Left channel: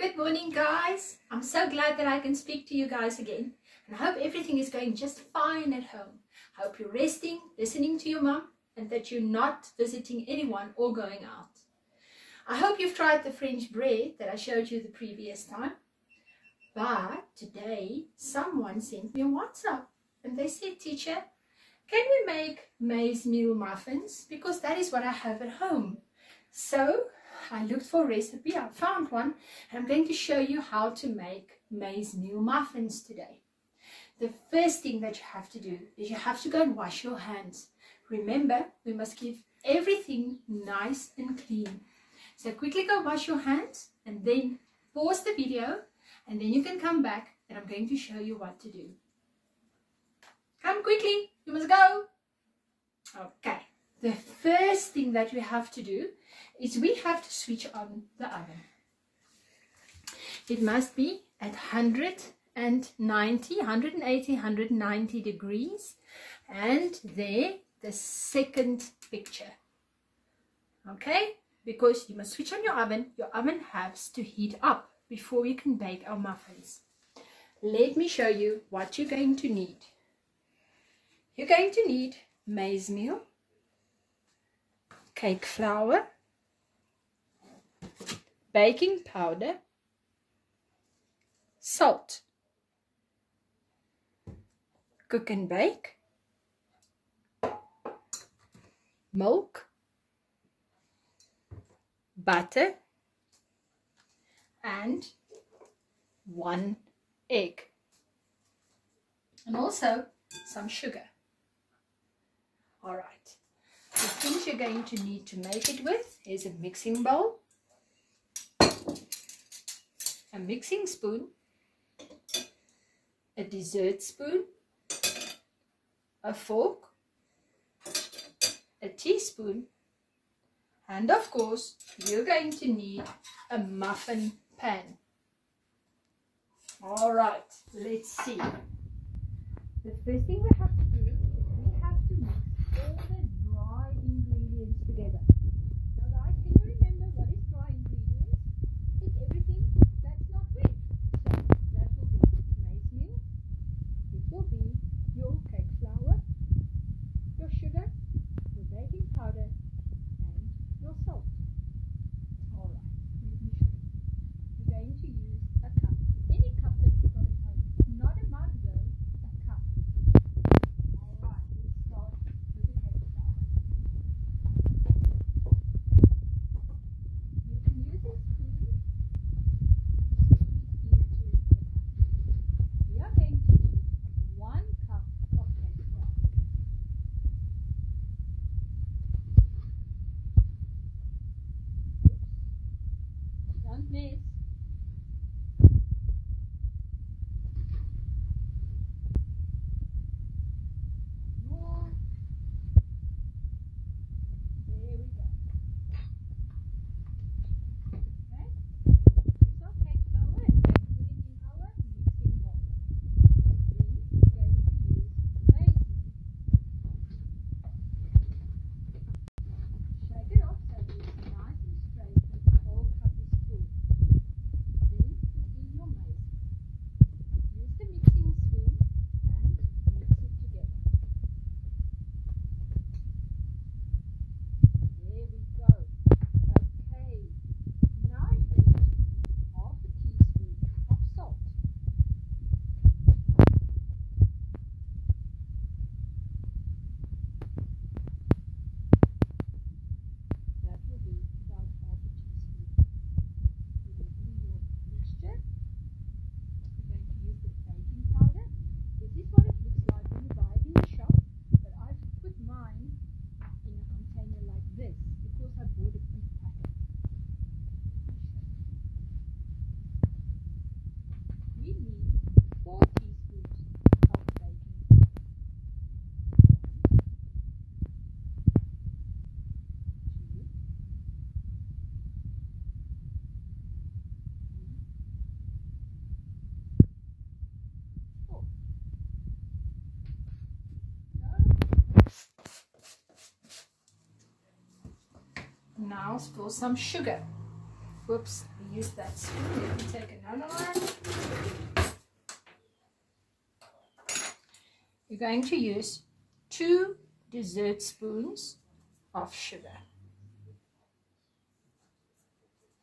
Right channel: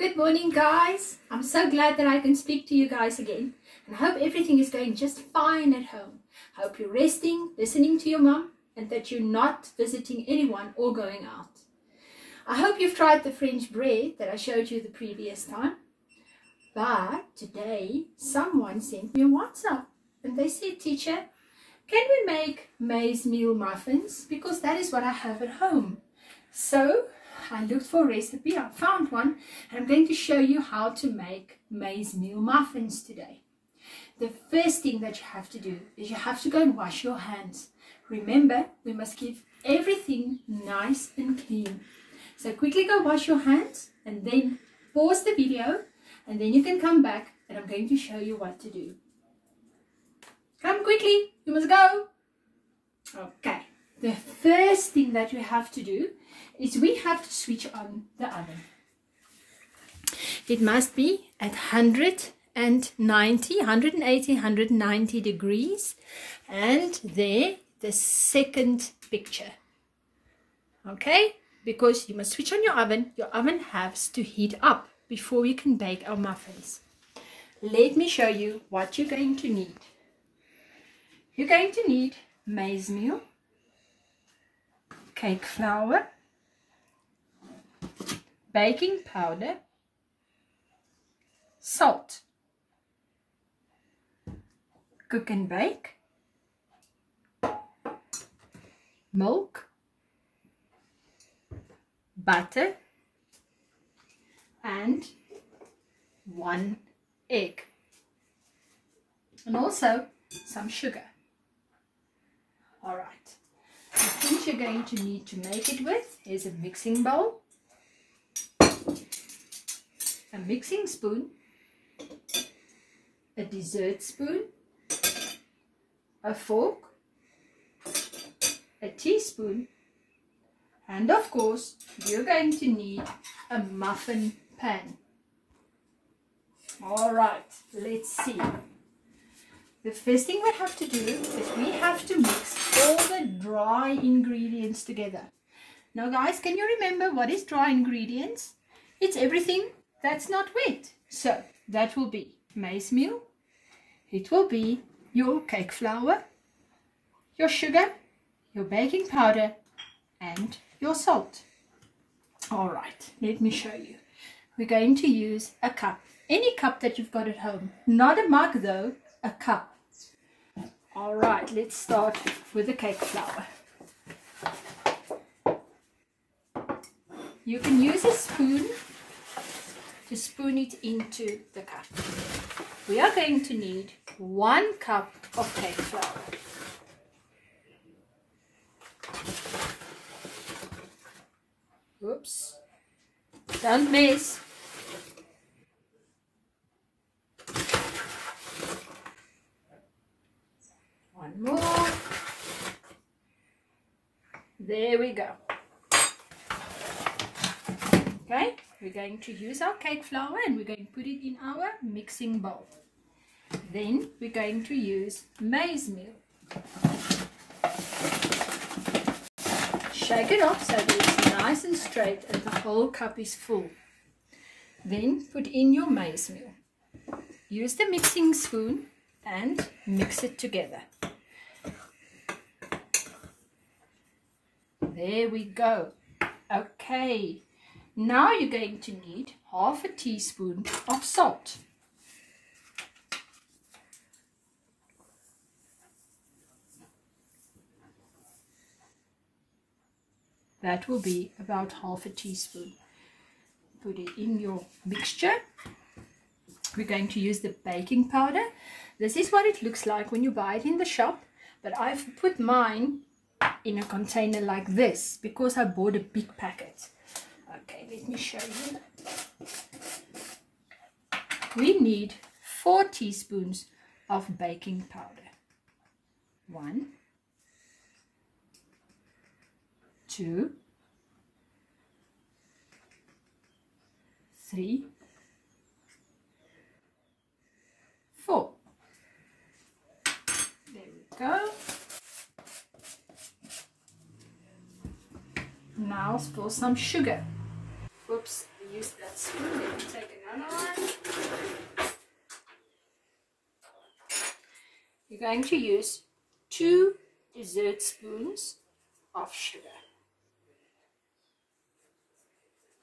Good morning, guys. I'm so glad that I can speak to you guys again, and I hope everything is going just fine at home. I hope you're resting, listening to your mom, and that you're not visiting anyone or going out. I hope you've tried the French bread that I showed you the previous time. But today someone sent me a WhatsApp and they said, "Teacher, can we make maize meal muffins? Because that is what I have at home." So I looked for a recipe, I found one, and I'm going to show you how to make maize meal muffins today. The first thing that you have to do is you have to go and wash your hands. Remember, we must keep everything nice and clean. So quickly go wash your hands and then pause the video, and then you can come back and I'm going to show you what to do. Come quickly, you must go. Okay, the first thing that we have to do is we have to switch on the oven. It must be at 180, 190 degrees, and there the second picture. Okay, because you must switch on your oven. Your oven has to heat up before we can bake our muffins. Let me show you what you're going to need. You're going to need maize meal, cake flour, baking powder, salt, cook and bake, milk, butter, and 1 egg, and also some sugar. All right, the things you're going to need to make it with is a mixing bowl, a mixing spoon, a dessert spoon, a fork, a teaspoon, and of course you're going to need a muffin pan. All right, let's see. The first thing we have to do is we have to mix all the dry ingredients together. Now guys, can you remember what is dry ingredients? It's everything that's not wet. So that will be maize meal, it will be your cake flour, your sugar, your baking powder, and your salt. All right, let me show you. We're going to use a cup, any cup that you've got at home, not a mug though, a cup. All right, let's start with the cake flour. You can use a spoon to spoon it into the cup. We are going to need 1 cup of cake flour. Whoops, don't mess. One more. There we go. Okay, we're going to use our cake flour and we're going to put it in our mixing bowl. Then we're going to use maize meal. Shake it off so that it's nice and straight and the whole cup is full. Then put in your maize meal. Use the mixing spoon and mix it together. There we go. Okay, now you're going to need half a teaspoon of salt. That will be about half a teaspoon. Put it in your mixture. We're going to use the baking powder. This is what it looks like when you buy it in the shop, but I've put mine in a container like this because I bought a big packet. Okay, let me show you. We need 4 teaspoons of baking powder. 1, 2, 3, 4. There we go. Now for some sugar. Whoops, we used that spoon. Let me take another one. You're going to use 2 dessert spoons of sugar.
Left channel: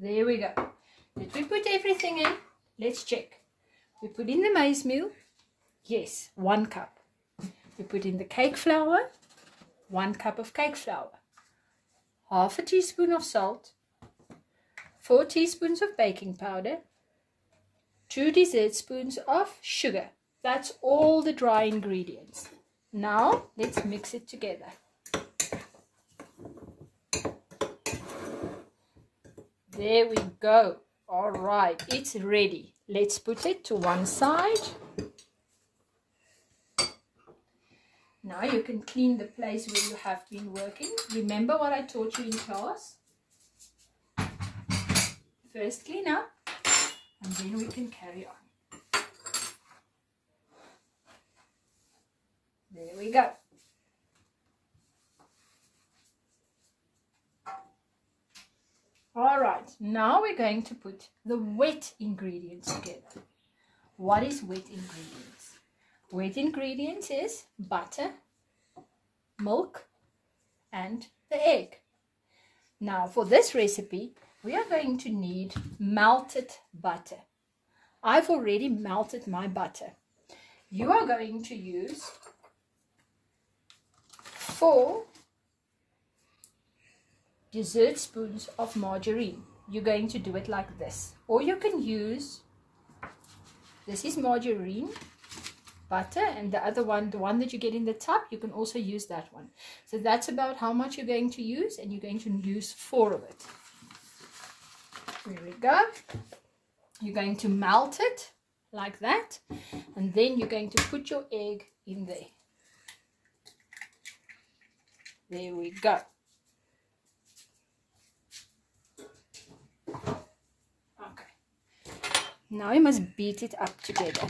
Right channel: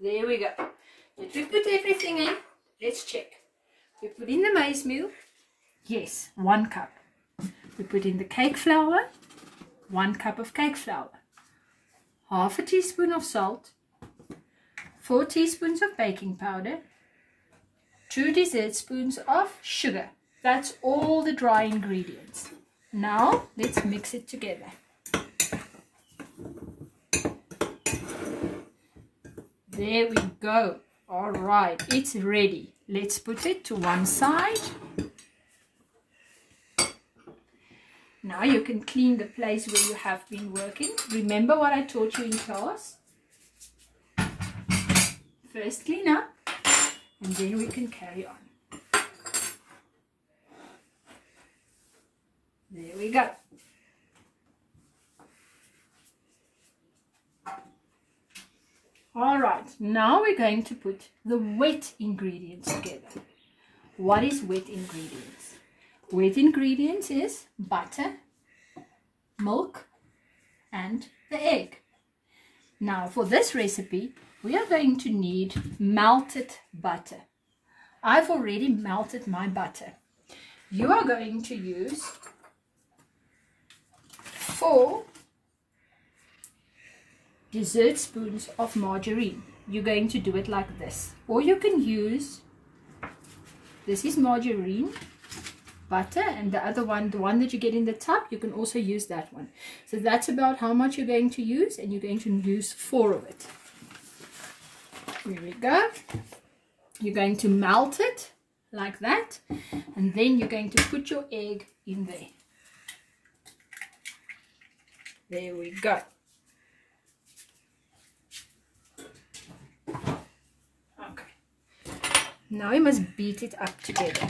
There we go. Did we put everything in? Let's check. We put in the maize meal. Yes, 1 cup. We put in the cake flour. 1 cup of cake flour. Half a teaspoon of salt. 4 teaspoons of baking powder. 2 dessert spoons of sugar. That's all the dry ingredients. Now let's mix it together. There we go. All right, it's ready. Let's put it to one side. Now you can clean the place where you have been working. Remember what I taught you in class? First clean up, and then we can carry on. There we go. All right, now we're going to put the wet ingredients together. What is wet ingredients? Wet ingredients is butter, milk, and the egg. Now for this recipe, we are going to need melted butter. I've already melted my butter. You are going to use 4 dessert spoons of margarine. You're going to do it like this. Or you can use, this is margarine, butter, and the other one, the one that you get in the tub, you can also use that one. So that's about how much you're going to use, and you're going to use 4 of it. Here we go. You're going to melt it like that, and then you're going to put your egg in there. There we go. Okay. Now you must beat it up together.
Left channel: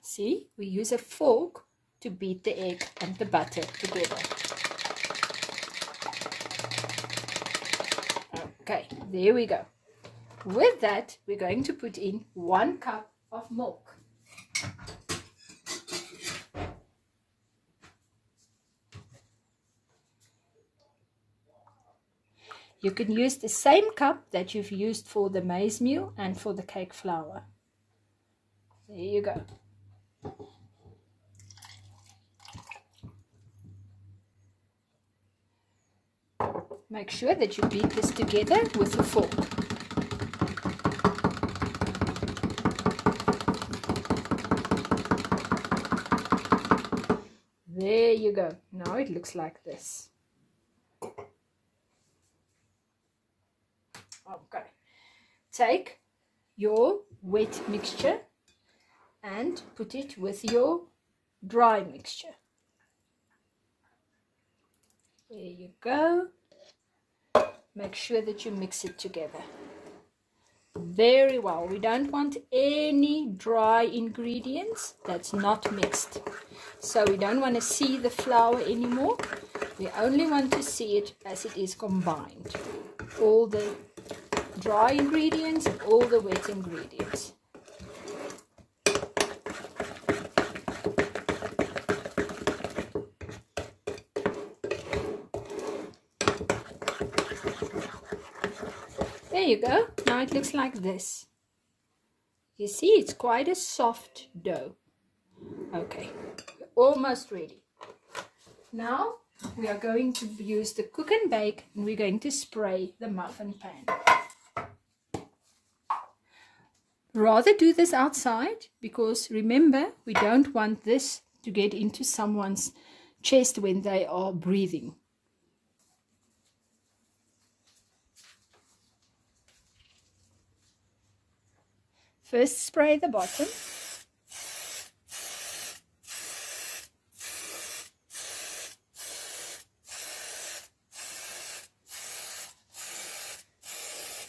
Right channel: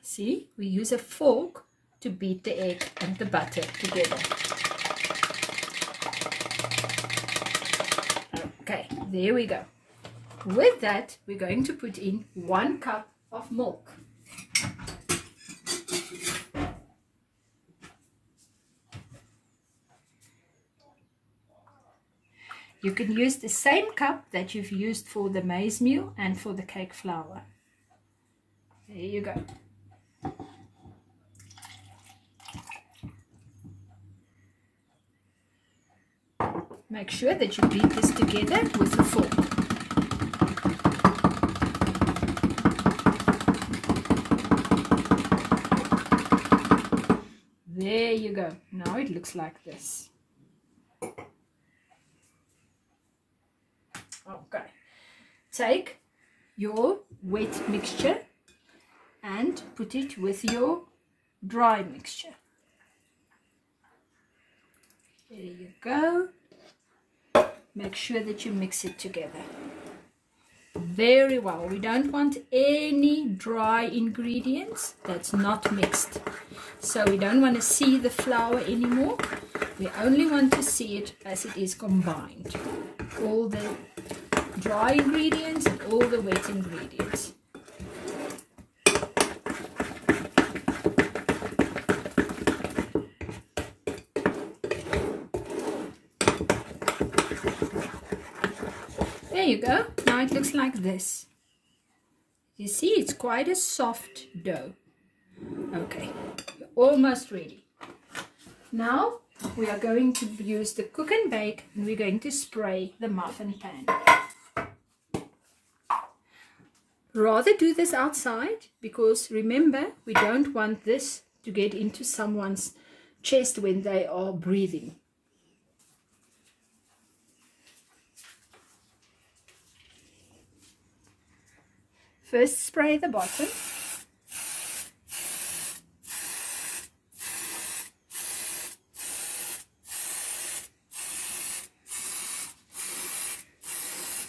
See, we use a fork to beat the egg and the butter together. Okay, there we go. With that, we're going to put in 1 cup of milk. You can use the same cup that you've used for the maize meal and for the cake flour. There you go. Make sure that you beat this together with a fork. There you go. Now it looks like this. Okay. Take your wet mixture and put it with your dry mixture. There you go. Make sure that you mix it together very well. We don't want any dry ingredients that's not mixed. So we don't want to see the flour anymore. We only want to see it as it is combined. All the dry ingredients and all the wet ingredients. There you go. Now it looks like this. You see, it's quite a soft dough. Okay, almost ready. Now we are going to use the cook and bake, and we're going to spray the muffin pan. Rather do this outside, because remember, we don't want this to get into someone's chest when they are breathing. First spray the bottom.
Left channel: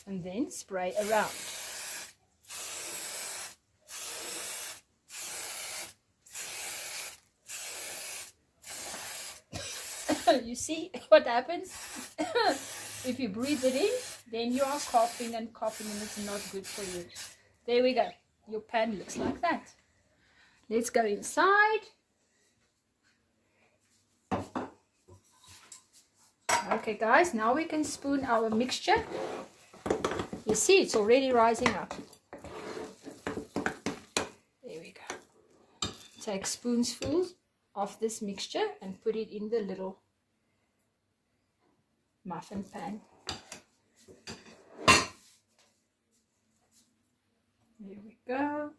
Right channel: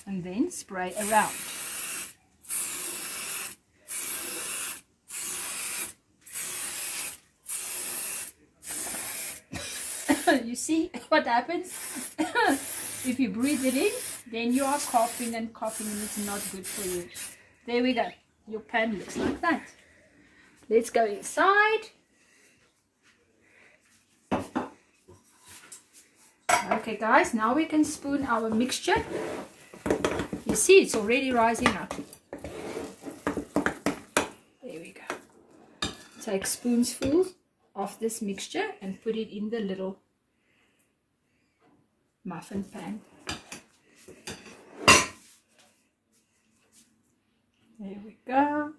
And then spray around. you see what happens? If you breathe it in, then you are coughing and coughing, and it's not good for you. There we go. Your pan looks like that. Let's go inside. Okay guys, now we can spoon our mixture. You see it's already rising up. There we go. Take spoonfuls of this mixture and put it in the little muffin pan. There we go.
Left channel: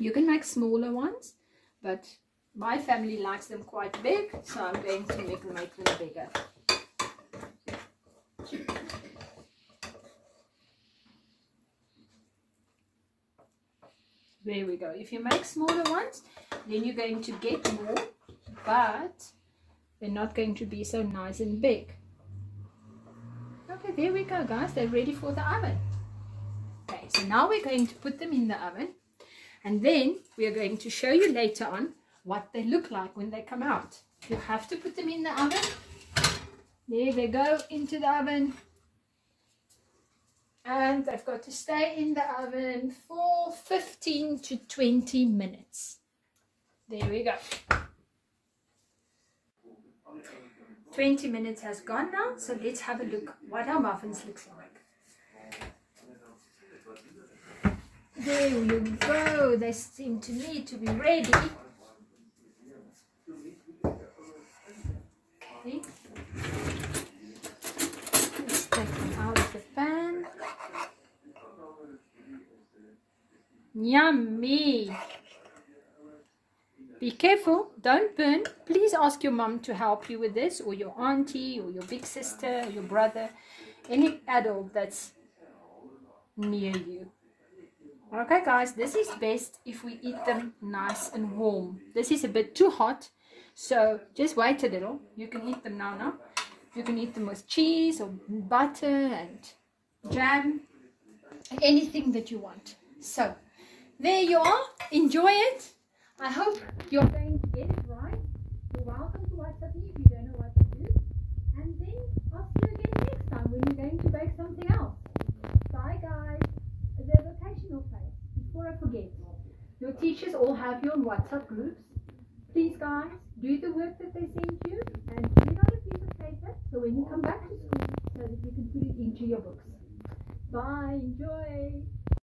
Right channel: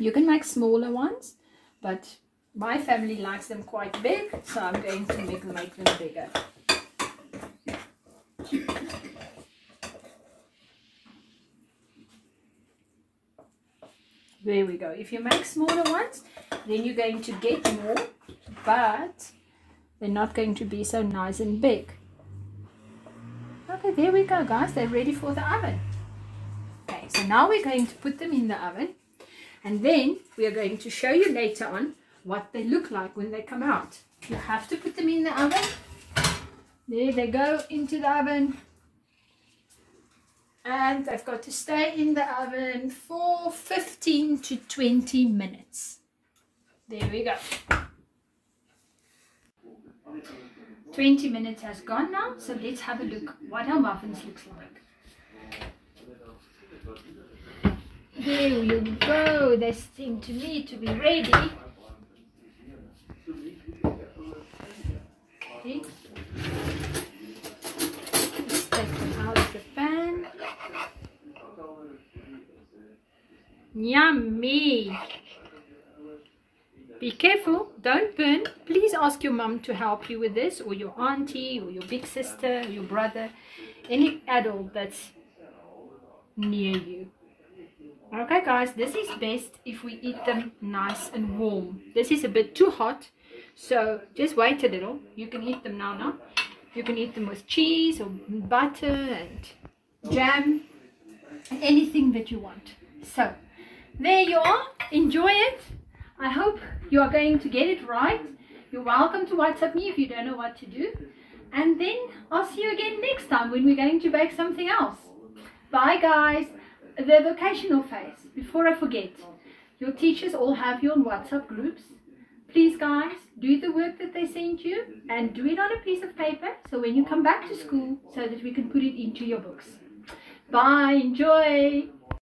You can make smaller ones, but my family likes them quite big, so I'm going to make them bigger. There we go. If you make smaller ones, then you're going to get more, but they're not going to be so nice and big. Okay, there we go guys, they're ready for the oven. Okay, so now we're going to put them in the oven. And then we are going to show you later on what they look like when they come out. You have to put them in the oven. There they go into the oven. And they've got to stay in the oven for 15 to 20 minutes. There we go. 20 minutes has gone now. So let's have a look what our muffins looks like. There you go, they seem to me to be ready. Okay. Let's take them out of the pan. Yummy! Be careful, don't burn. Please ask your mum to help you with this, or your auntie, or your big sister, your brother, any adult that's near you. Okay guys, this is best if we eat them nice and warm. This is a bit too hot, so just wait a little. You can eat them now. You can eat them with cheese or butter and jam, anything that you want. So there you are, enjoy it. I hope you are going to get it right. You're welcome to WhatsApp me if you don't know what to do, and then I'll see you again next time when we're going to bake something else. Bye guys. The vocational phase, before I forget, your teachers all have you on WhatsApp groups. Please guys, do the work that they send you and do it on a piece of paper, so when you come back to school, so that we can put it into your books. Bye, enjoy.